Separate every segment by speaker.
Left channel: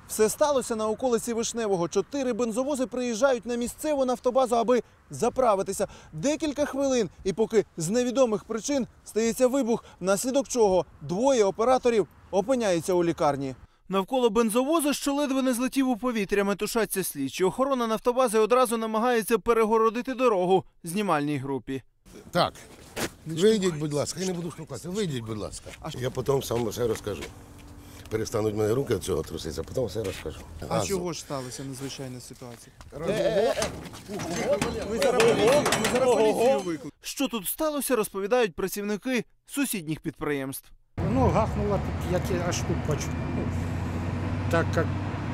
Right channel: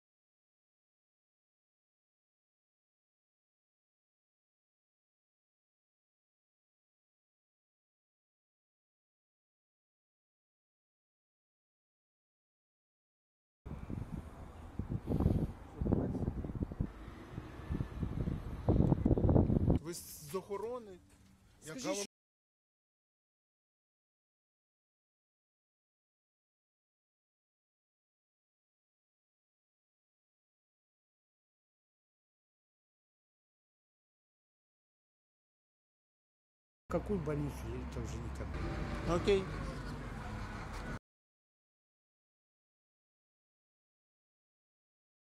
Speaker 1: Все сталося на околиці Вишневого. 4 бензовози приїжджають на місцеву нафтобазу, аби заправитися. Декілька хвилин, і поки з невідомих причин стається вибух, внаслідок чого 2 операторів опиняються у лікарні. Навколо бензовозу, що ледве не злетів у повітря, метушаться слідчі. Охорона нафтобази одразу намагається перегородити дорогу знімальній групі.
Speaker 2: Так, вийдіть, будь ласка, я не буду штовхатися, вийдіть, будь ласка. Я потім сам все розкажу. Перестануть мене руки від цього труситися, а потім все розкажу.
Speaker 1: А чого ж сталася надзвичайна ситуація? Ми зараз поліцію викликали. Що тут сталося, розповідають працівники сусідніх підприємств.
Speaker 3: Ну, гахнуло тут, я аж тут почув. Так як,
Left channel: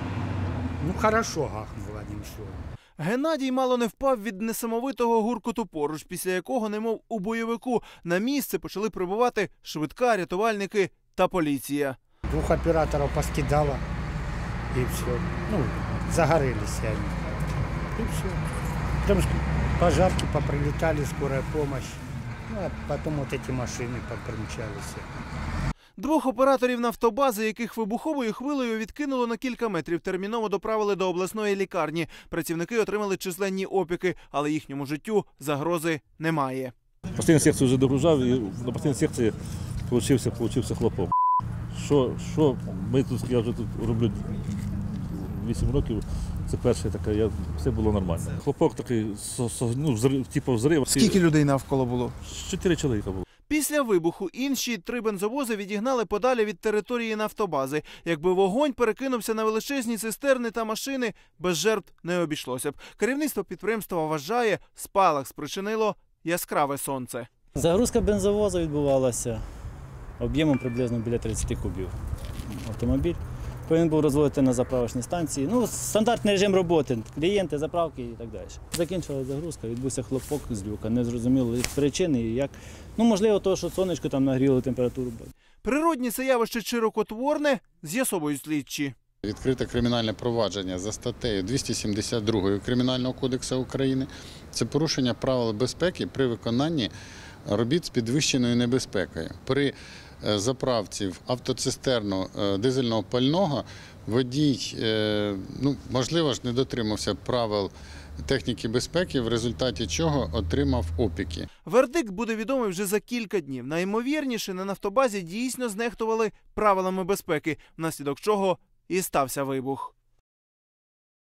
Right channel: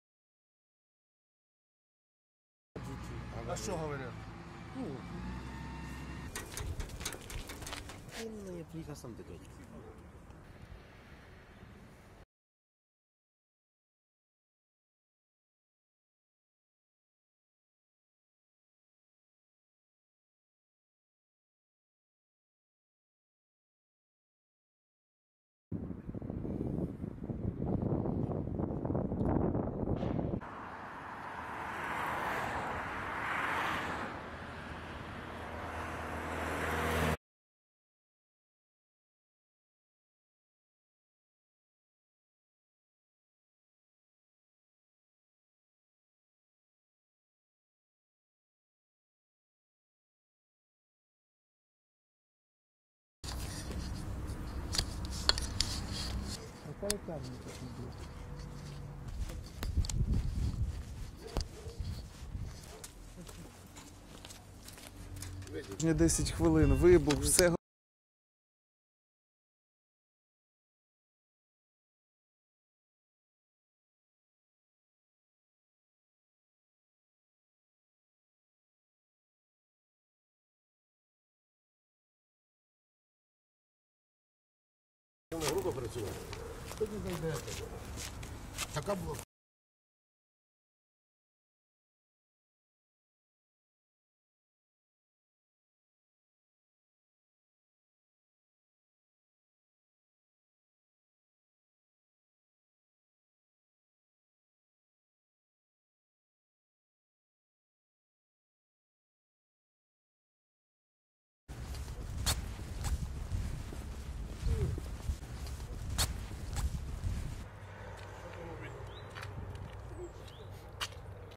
Speaker 3: хорошо гахнуло, нічого.
Speaker 1: Геннадій мало не впав від несамовитого гуркоту поруч, після якого, немов у бойовику, на місце почали прибувати швидка, рятувальники та поліція.
Speaker 3: 2 операторів поскидало, і все. Загорелись они. І все. Там пожарки поприлетали, скорая помощь. А потім от ці машини примчалися.
Speaker 1: 2 операторів нафтобази, яких вибуховою хвилею відкинуло на кілька метрів, терміново доправили до обласної лікарні. Працівники отримали численні опіки, але їхньому життю загрози немає.
Speaker 4: Постійну секцію вже догружав і на постійній секції получився хлопок. Що ми тут, я вже тут роблю 8 років, це перше таке, все було нормально. Хлопок такий, типу взрив.
Speaker 1: Скільки людей навколо було?
Speaker 4: 4 чоловіка було.
Speaker 1: Після вибуху інші 3 бензовози відігнали подалі від території нафтобази. Якби вогонь перекинувся на величезні цистерни та машини, без жертв не обійшлося б. Керівництво підприємства вважає, спалах спричинило яскраве сонце.
Speaker 5: Загрузка бензовозу відбувалася об'ємом приблизно біля 30 кубів. Автомобіль повинен був розводити на заправочній станції. Стандартний режим роботи, клієнти, заправки і так далі. Закінчилася загрузка, відбувся хлопок з люка. Не зрозуміло причини і як. Можливо, того, що сонечко там нагріло температуру.
Speaker 1: Природні це явище чи рукотворне, з'ясовують слідчі.
Speaker 6: Відкрите кримінальне провадження за статтею 272 Кримінального кодексу України. Це порушення правил безпеки при виконанні робіт з підвищеною небезпекою. При заправці в автоцистерну дизельного пального водій, можливо ж, не дотримався правил техніки безпеки, в результаті чого отримав опіки.
Speaker 1: Вердикт буде відомий вже за кілька днів. Найімовірніше, на нафтобазі дійсно знехтували правилами безпеки, внаслідок чого і стався вибух.